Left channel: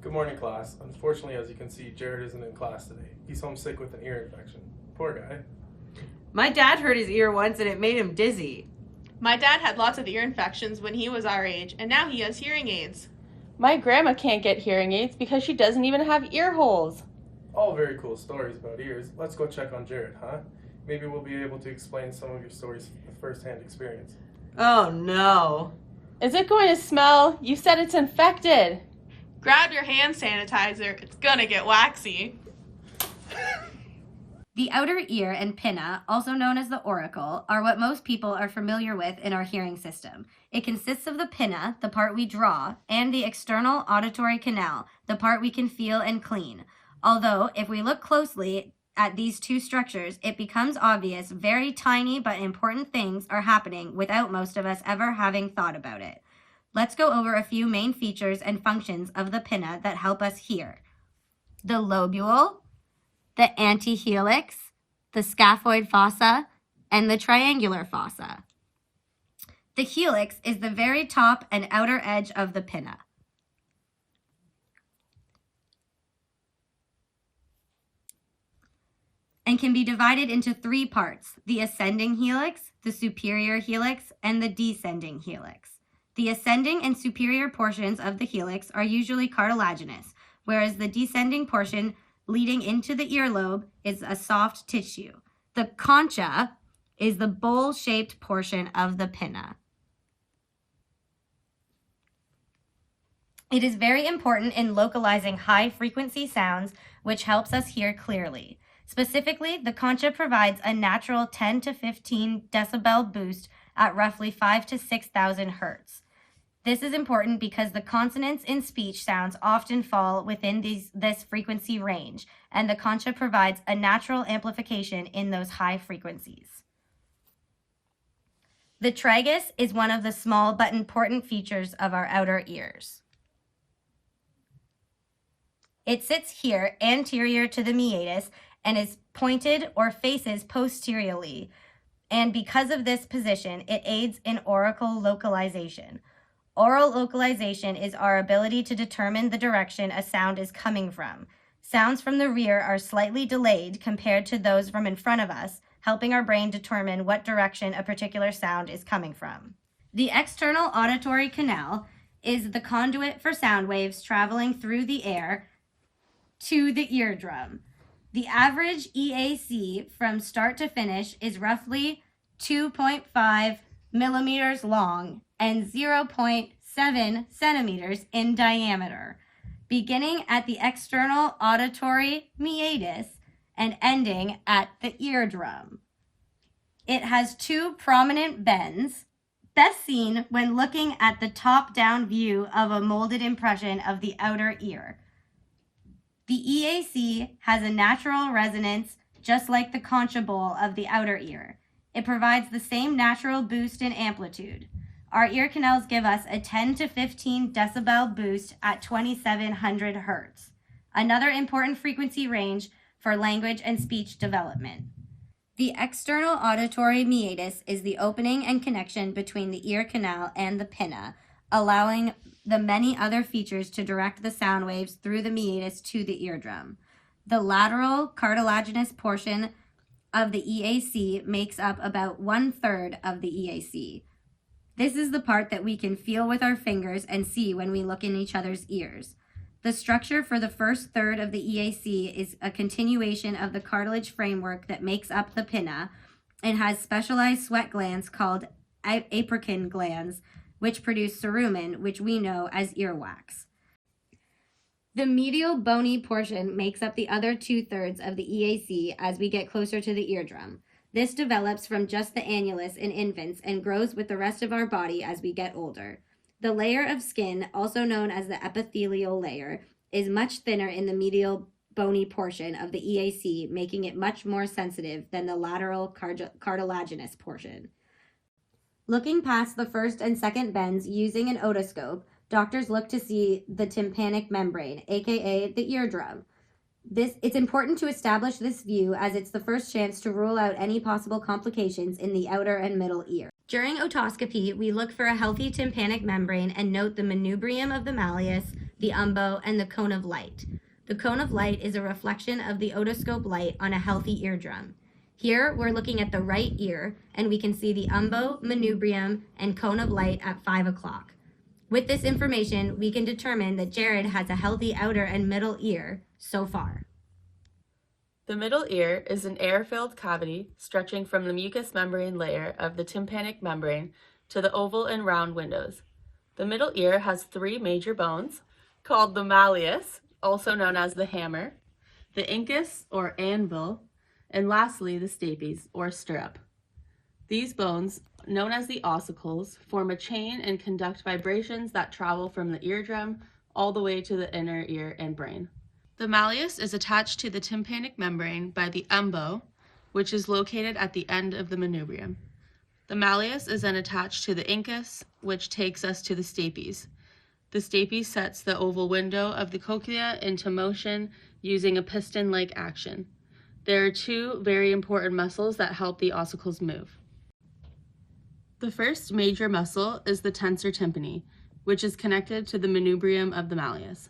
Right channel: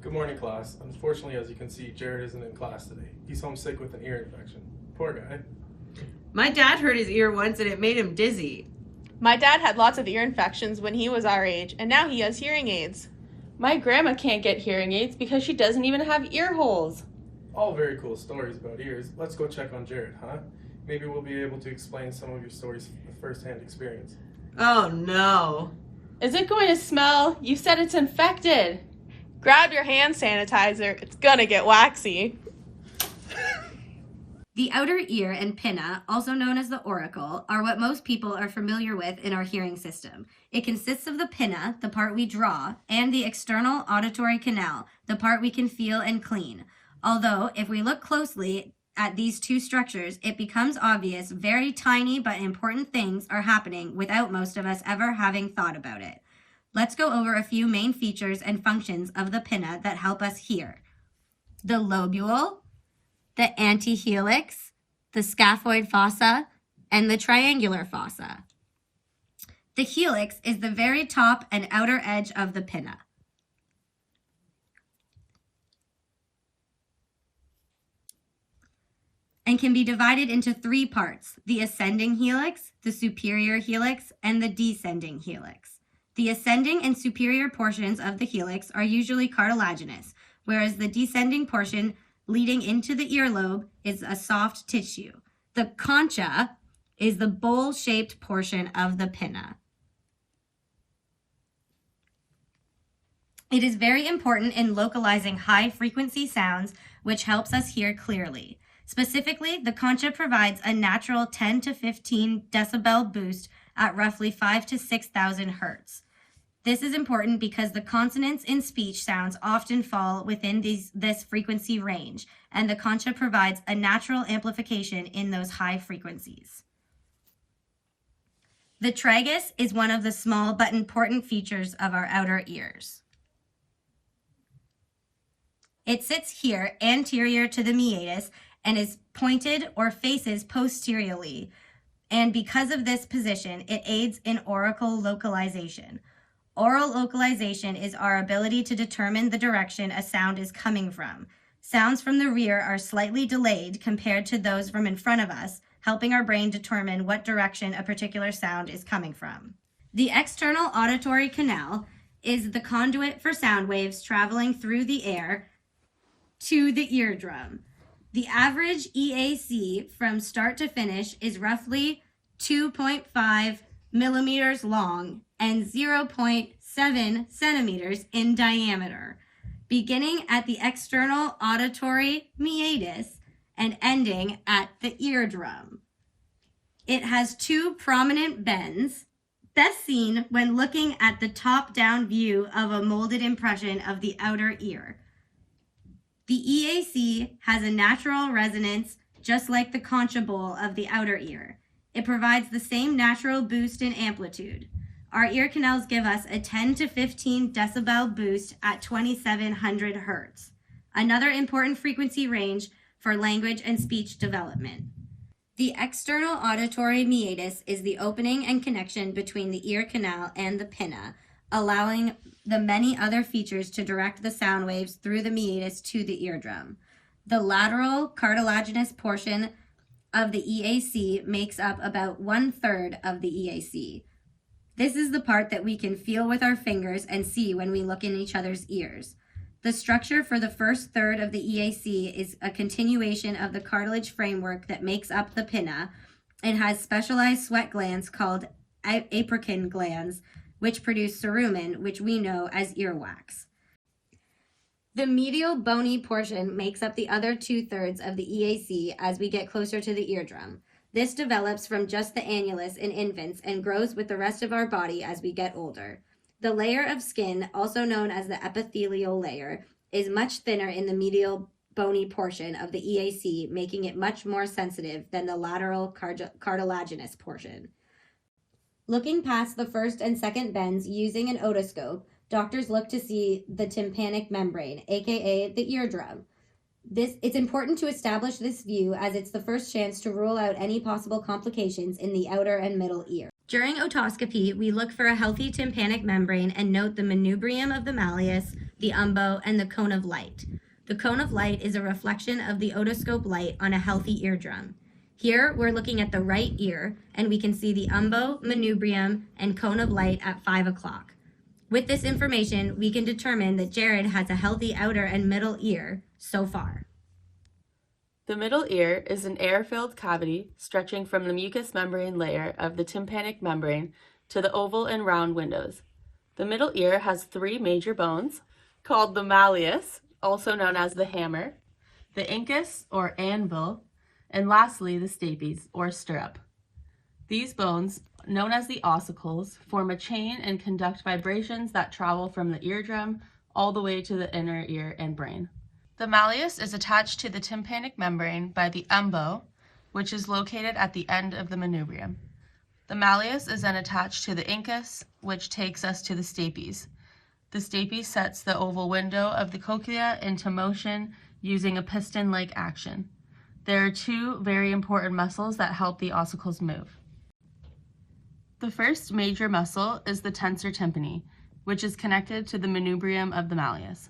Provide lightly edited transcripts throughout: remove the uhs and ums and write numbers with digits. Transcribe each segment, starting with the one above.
Good morning, class. Unfortunately, as you can see, Jared isn't in class today. He's homesick with an ear infection. Poor guy. My dad hurt his ear once and it made him dizzy. My dad had lots of ear infections when he was our age, and now he has hearing aids. My grandma can't get hearing aids because she doesn't even have ear holes. All very cool stories about ears. Let's go check on Jared, huh? Maybe we'll be able to explain some of your stories with first-hand experience. Oh no. Is it going to smell? You said it's infected. Grab your hand sanitizer, it's gonna get waxy. The outer ear and pinna, also known as the auricle, are what most people are familiar with in our hearing system. It consists of the pinna, the part we draw, and the external auditory canal, the part we can feel and clean. Although, if we look closely at these two structures, it becomes obvious very tiny but important things are happening without most of us ever having thought about it. Let's go over a few main features and functions of the pinna that help us hear. The lobule, the antihelix, the scaphoid fossa, and the triangular fossa. The helix is the very top and outer edge of the pinna. And can be divided into three parts: the ascending helix, the superior helix, and the descending helix. The ascending and superior portions of the helix are usually cartilaginous, whereas the descending portion leading into the earlobe is a soft tissue. The concha is the bowl-shaped portion of the pinna. It is very important in localizing high-frequency sounds, which helps us hear clearly. Specifically, the concha provides a natural 10 to 15 decibel boost at roughly 5 to 6,000 hertz. This is important because the consonants in speech sounds often fall within this frequency range, and the concha provides a natural amplification in those high frequencies. The tragus is one of the small but important features of our outer ears. It sits here anterior to the meatus and is pointed or faces posteriorly, and because of this position, it aids in auricle localization. Oral localization is our ability to determine the direction a sound is coming from. Sounds from the rear are slightly delayed compared to those from in front of us, helping our brain determine what direction a particular sound is coming from. The external auditory canal is the conduit for sound waves traveling through the air to the eardrum. The average EAC from start to finish is roughly 2.5 millimeters long and 0.7 centimeters in diameter, beginning at the external auditory meatus and ending at the eardrum. It has two prominent bends, best seen when looking at the top-down view of a molded impression of the outer ear. The EAC has a natural resonance just like the concha bowl of the outer ear. It provides the same natural boost in amplitude. Our ear canals give us a 10 to 15 decibel boost at 2700 hertz, another important frequency range for language and speech development. The external auditory meatus is the opening and connection between the ear canal and the pinna, allowing the many other features to direct the sound waves through the meatus to the eardrum. The lateral cartilaginous portion of the EAC makes up about 1/3 of the EAC. This is the part that we can feel with our fingers and see when we look in each other's ears. The structure for the first third of the EAC is a continuation of the cartilage framework that makes up the pinna and has specialized sweat glands called apocrine glands, which produce cerumen, which we know as earwax. The medial bony portion makes up the other 2/3 of the EAC as we get closer to the eardrum. This develops from just the annulus in infants and grows with the rest of our body as we get older. The layer of skin, also known as the epithelial layer, is much thinner in the medial bony portion of the EAC, making it much more sensitive than the lateral cartilaginous portion. Looking past the first and second bends using an otoscope, doctors look to see the tympanic membrane, aka the eardrum. It's important to establish this view as it's the first chance to rule out any possible complications in the outer and middle ear. During otoscopy, we look for a healthy tympanic membrane and note the manubrium of the malleus, the umbo, and the cone of light. The cone of light is a reflection of the otoscope light on a healthy eardrum. Here, we're looking at the right ear, and we can see the umbo, manubrium, and cone of light at 5 o'clock. With this information, we can determine that Jared has a healthy outer and middle ear so far. The middle ear is an air-filled cavity stretching from the mucous membrane layer of the tympanic membrane to the oval and round windows. The middle ear has 3 major bones called the malleus, also known as the hammer, the incus or anvil, and lastly the stapes or stirrup. These bones, known as the ossicles, form a chain and conduct vibrations that travel from the eardrum all the way to the inner ear and brain. The malleus is attached to the tympanic membrane by the umbo, which is located at the end of the manubrium. The malleus is then attached to the incus, which takes us to the stapes. The stapes sets the oval window of the cochlea into motion using a piston-like action. There are 2 very important muscles that help the ossicles move. The first major muscle is the tensor tympani, which is connected to the manubrium of the malleus.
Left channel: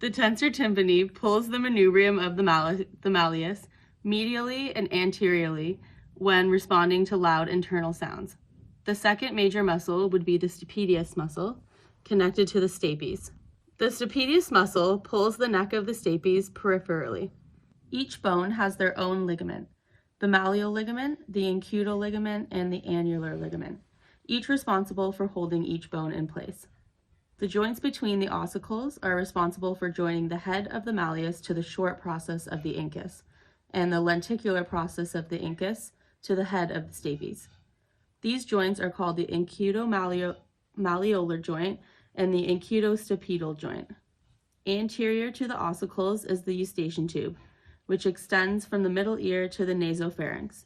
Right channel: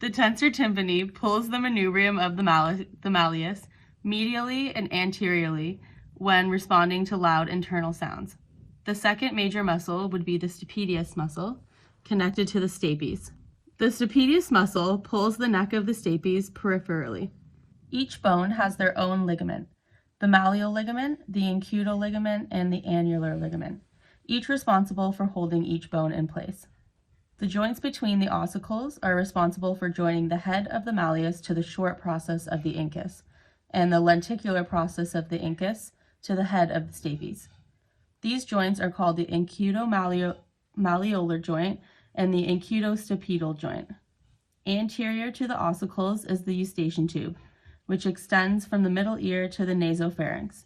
The tensor tympani pulls the manubrium of the malleus medially and anteriorly when responding to loud internal sounds. The second major muscle would be the stapedius muscle, connected to the stapes. The stapedius muscle pulls the neck of the stapes peripherally. Each bone has their own ligament: the malleal ligament, the incudal ligament, and the annular ligament, each responsible for holding each bone in place. The joints between the ossicles are responsible for joining the head of the malleus to the short process of the incus, and the lenticular process of the incus to the head of the stapes. These joints are called the incudo-malleolar joint and the incudostapedal joint. Anterior to the ossicles is the eustachian tube, which extends from the middle ear to the nasopharynx.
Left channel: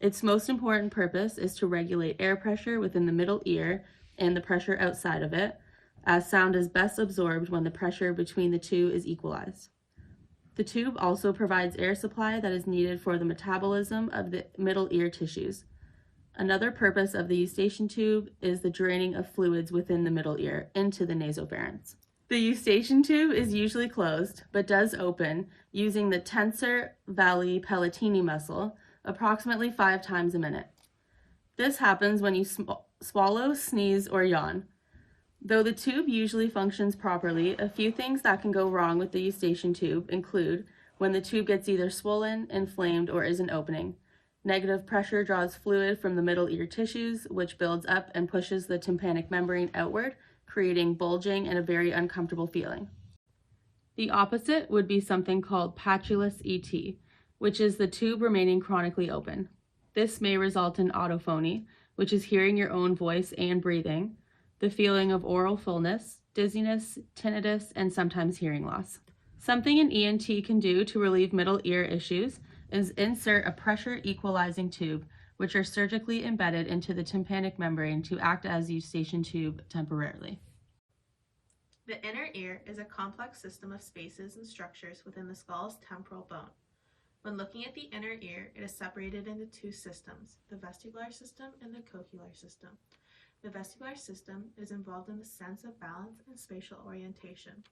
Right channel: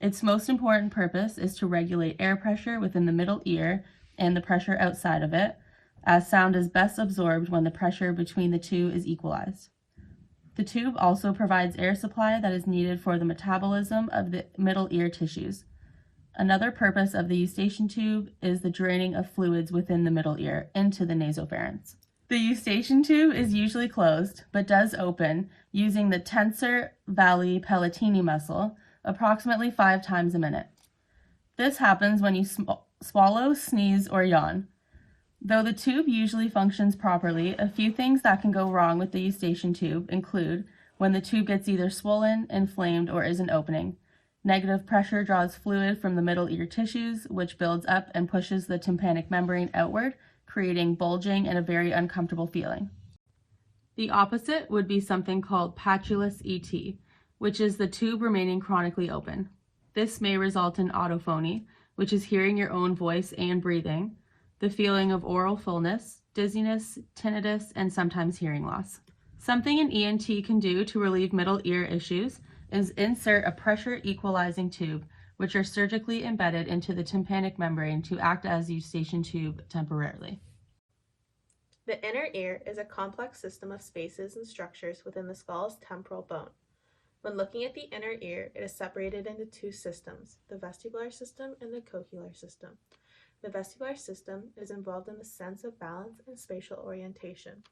Its most important purpose is to regulate air pressure within the middle ear and the pressure outside of it, as sound is best absorbed when the pressure between the 2 is equalized. The tube also provides air supply that is needed for the metabolism of the middle ear tissues. Another purpose of the eustachian tube is the draining of fluids within the middle ear into the nasopharynx. The eustachian tube is usually closed, but does open using the tensor valli palatini muscle approximately 5 times a minute. This happens when you swallow, sneeze, or yawn. Though the tube usually functions properly, a few things that can go wrong with the eustachian tube include when the tube gets either swollen, inflamed, or isn't opening. Negative pressure draws fluid from the middle ear tissues, which builds up and pushes the tympanic membrane outward, creating bulging and a very uncomfortable feeling. The opposite would be something called patulous ET, which is the tube remaining chronically open. This may result in autophony, which is hearing your own voice and breathing, the feeling of oral fullness, dizziness, tinnitus, and sometimes hearing loss. Something an ENT can do to relieve middle ear issues is insert a pressure equalizing tube, which are surgically embedded into the tympanic membrane to act as eustachian tube temporarily. The inner ear is a complex system of spaces and structures within the skull's temporal bone. When looking at the inner ear, it is separated into 2 systems, the vestibular system and the cochlear system. The vestibular system is involved in the sense of balance and spatial orientation.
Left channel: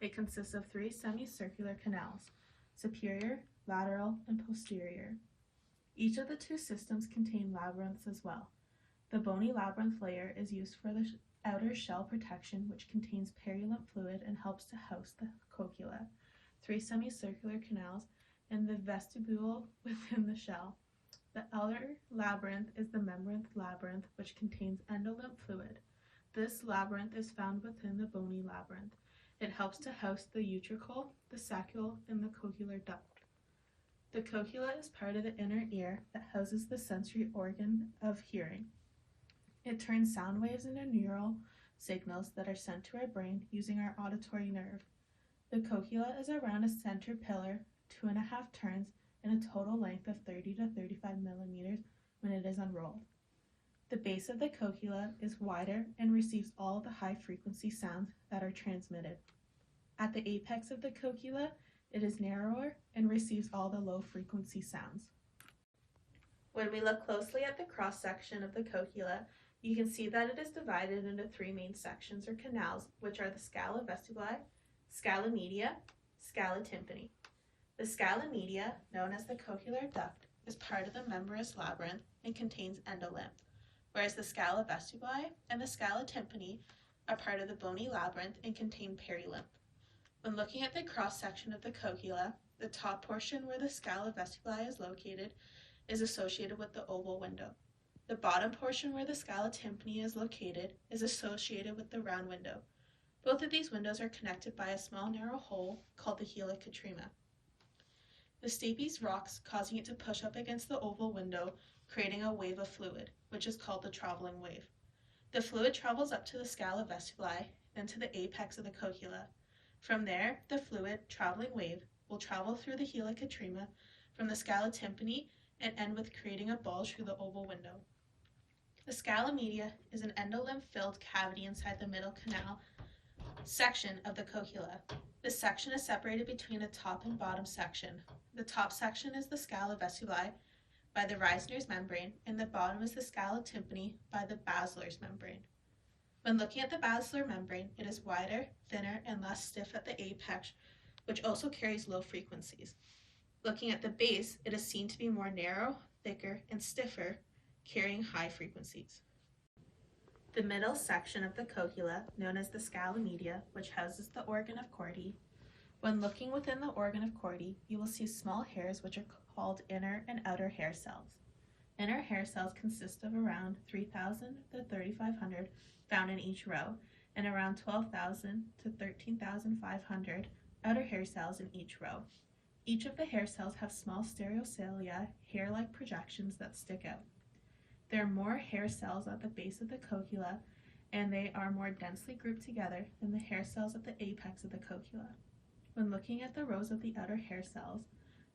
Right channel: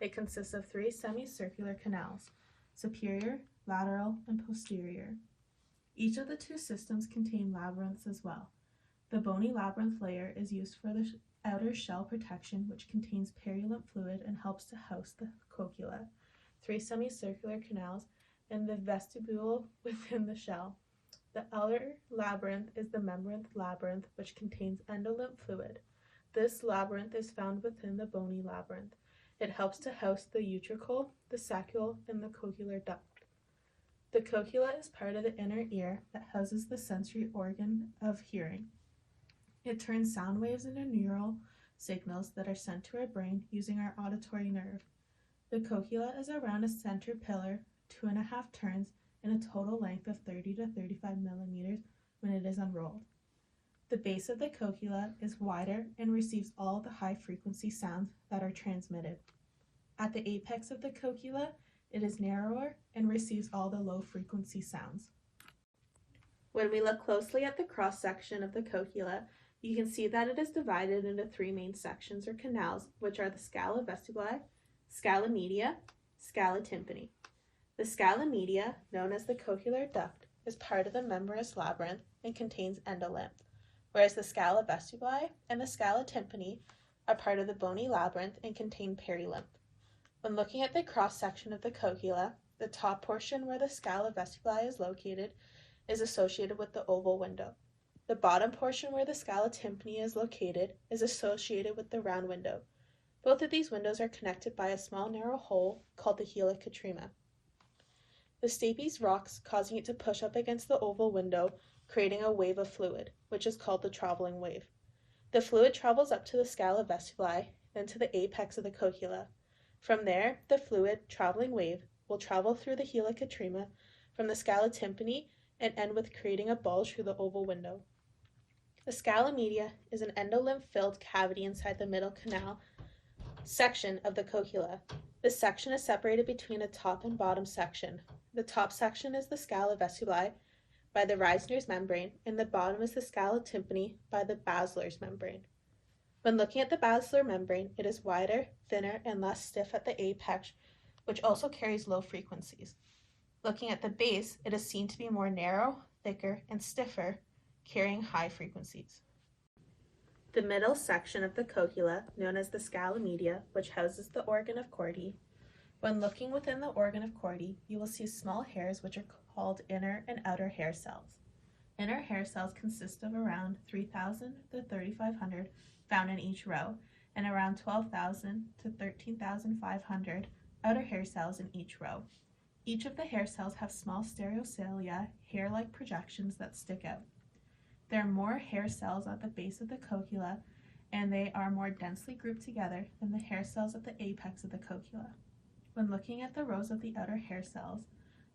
It consists of 3 semicircular canals, superior, lateral, and posterior. Each of the 2 systems contain labyrinths as well. The bony labyrinth layer is used for the outer shell protection, which contains purulent fluid and helps to house the cochlea, 3 semicircular canals, and the vestibule within the shell. The outer labyrinth is the membranous labyrinth, which contains endolymph fluid. This labyrinth is found within the bony labyrinth. It helps to house the utricle, the saccule, and the cochlear duct. The cochlea is part of the inner ear that houses the sensory organ of hearing. It turns sound waves into neural signals that are sent to our brain using our auditory nerve. The cochlea is around a center pillar, 2.5 turns, and a total length of 30 to 35 millimeters when it is unrolled. The base of the cochlea is wider and receives all the high-frequency sounds that are transmitted. At the apex of the cochlea, it is narrower and receives all the low-frequency sounds. When we look closely at the cross-section of the cochlea, You can see that it is divided into three main sections or canals, which are the scala vestibuli, scala media, scala tympani. The scala media, known as the cochlear duct, is part of the membranous labyrinth and contains endolymph, whereas the scala vestibuli and the scala tympani are part of the bony labyrinth and contain perilymph. When looking at the cross-section of the cochlea, the top portion where the scala vestibuli is located is associated with the oval window. The bottom portion where the scala tympani is located is associated with the round window. Both of these windows are connected by a small narrow hole called the helicotrema. The stapes rocks, causing it to push up against the oval window, creating a wave of fluid, which is called the traveling wave. The fluid travels up to the scala vestibuli, then to the apex of the cochlea. From there, the fluid, traveling wave, will travel through the helicotrema from the scala tympani and end with creating a bulge through the oval window. The scala media is an endolymph-filled cavity inside the middle canal section of the cochlea. This section is separated between a top and bottom section. The top section is the scala vestibuli by the Reisner's membrane, and the bottom is the scala tympani by the Basler's membrane. When looking at the basilar membrane, it is wider, thinner, and less stiff at the apex, which also carries low frequencies. Looking at the base, it is seen to be more narrow, thicker, and stiffer, carrying high frequencies. The middle section of the cochlea, known as the scala media, which houses the organ of Corti. When looking within the organ of Corti, you will see small hairs which are called inner and outer hair cells. Inner hair cells consist of around 3,000 to 3,500 found in each row, and around 12,000 to 13,500 outer hair cells in each row. Each of the hair cells have small stereocilia, hair-like projections that stick out. There are more hair cells at the base of the cochlea, and they are more densely grouped together than the hair cells at the apex of the cochlea. When looking at the rows of the outer hair cells,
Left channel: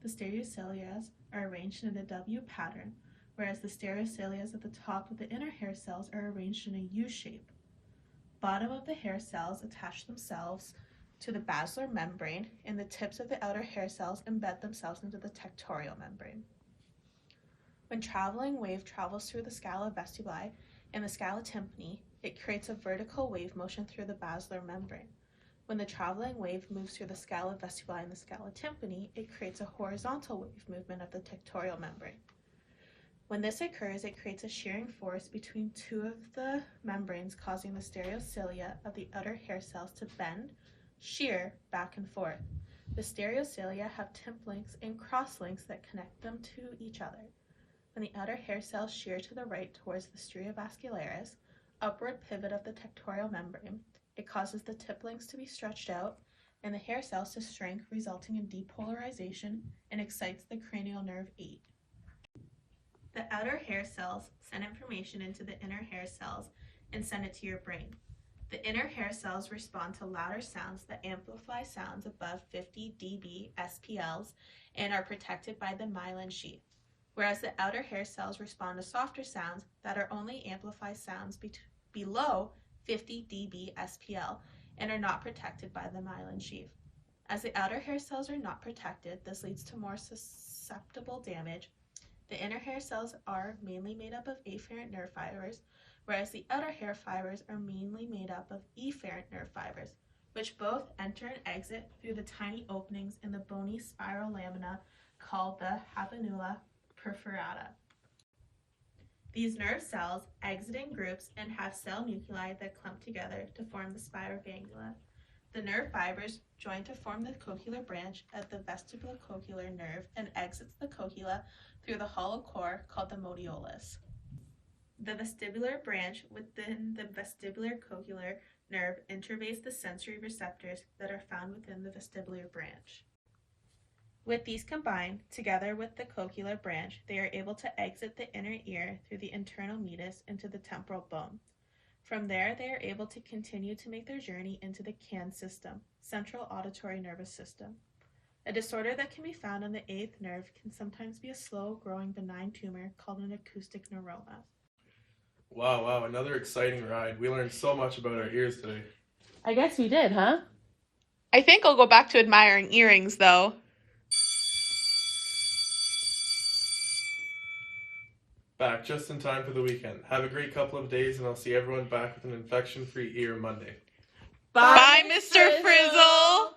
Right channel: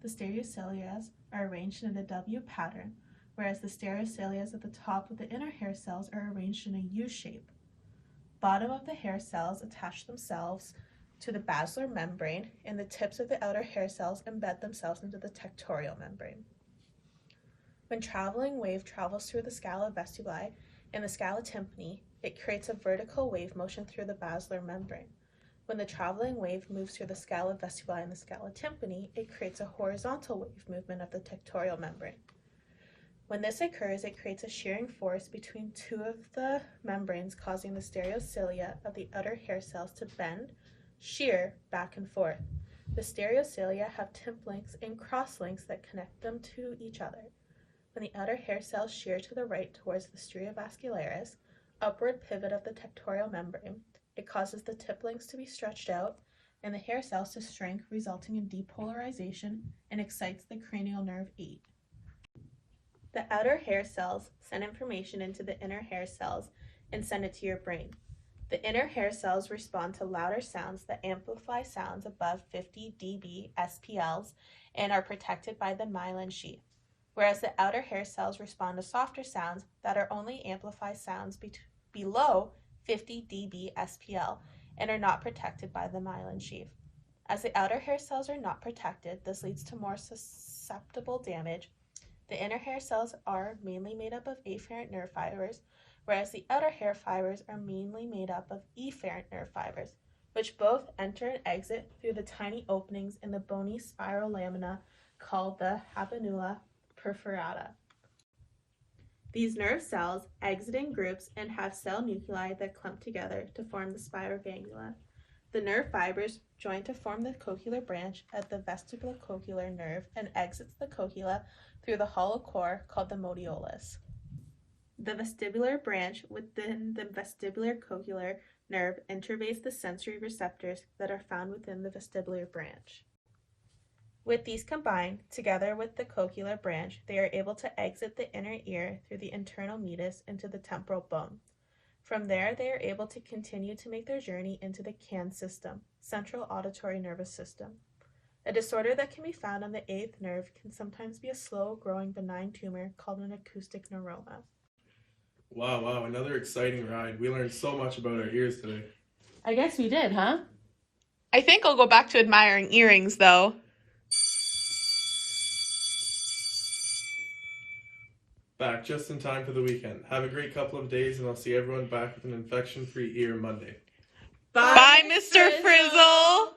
the stereocilia are arranged in a W pattern, whereas the stereocilia at the top of the inner hair cells are arranged in a U shape. Bottom of the hair cells attach themselves to the basilar membrane, and the tips of the outer hair cells embed themselves into the tectorial membrane. When traveling wave travels through the scala vestibuli and the scala tympani, it creates a vertical wave motion through the basilar membrane. When the traveling wave moves through the scala vestibuli and the scala tympani, it creates a horizontal wave movement of the tectorial membrane. When this occurs, it creates a shearing force between two of the membranes, causing the stereocilia of the outer hair cells to bend, shear back and forth. The stereocilia have tip links and cross links that connect them to each other. When the outer hair cells shear to the right towards the stria vascularis, upward pivot of the tectorial membrane, it causes the tip links to be stretched out and the hair cells to shrink, resulting in depolarization, and excites the cranial nerve 8. The outer hair cells send information into the inner hair cells and send it to your brain. The inner hair cells respond to louder sounds that amplify sounds above 50 dB SPLs and are protected by the myelin sheath, whereas the outer hair cells respond to softer sounds that are only amplify sounds below 50 dB SPL and are not protected by the myelin sheath. As the outer hair cells are not protected, this leads to more susceptible damage. The inner hair cells are mainly made up of afferent nerve fibers, whereas the outer hair fibers are mainly made up of efferent nerve fibers, which both enter and exit through the tiny openings in the bony spiral lamina called the habenula perforata. These nerve cells exit in groups and have cell nuclei that clump together to form the spiral ganglia. The nerve fibers join to form the cochlear branch at the vestibulocochlear nerve and exits the cochlea through the hollow core called the modiolus. The vestibular branch within the vestibular cochlear nerve innervates the sensory receptors that are found within the vestibular branch. With these combined, together with the cochlear branch, they are able to exit the inner ear through the internal meatus into the temporal bone. From there, they are able to continue to make their journey into the CAN system, central auditory nervous system. A disorder that can be found on the 8th nerve can sometimes be a slow-growing benign tumor called an acoustic neuroma. Wow, another exciting ride. We learned so much about our ears today. I guess we did, huh? I think I'll go back to admiring earrings, though. Back just in time for the weekend. Have a great couple of days, and I'll see everyone back with an infection-free ear Monday. Bye, Mr. Frizzle!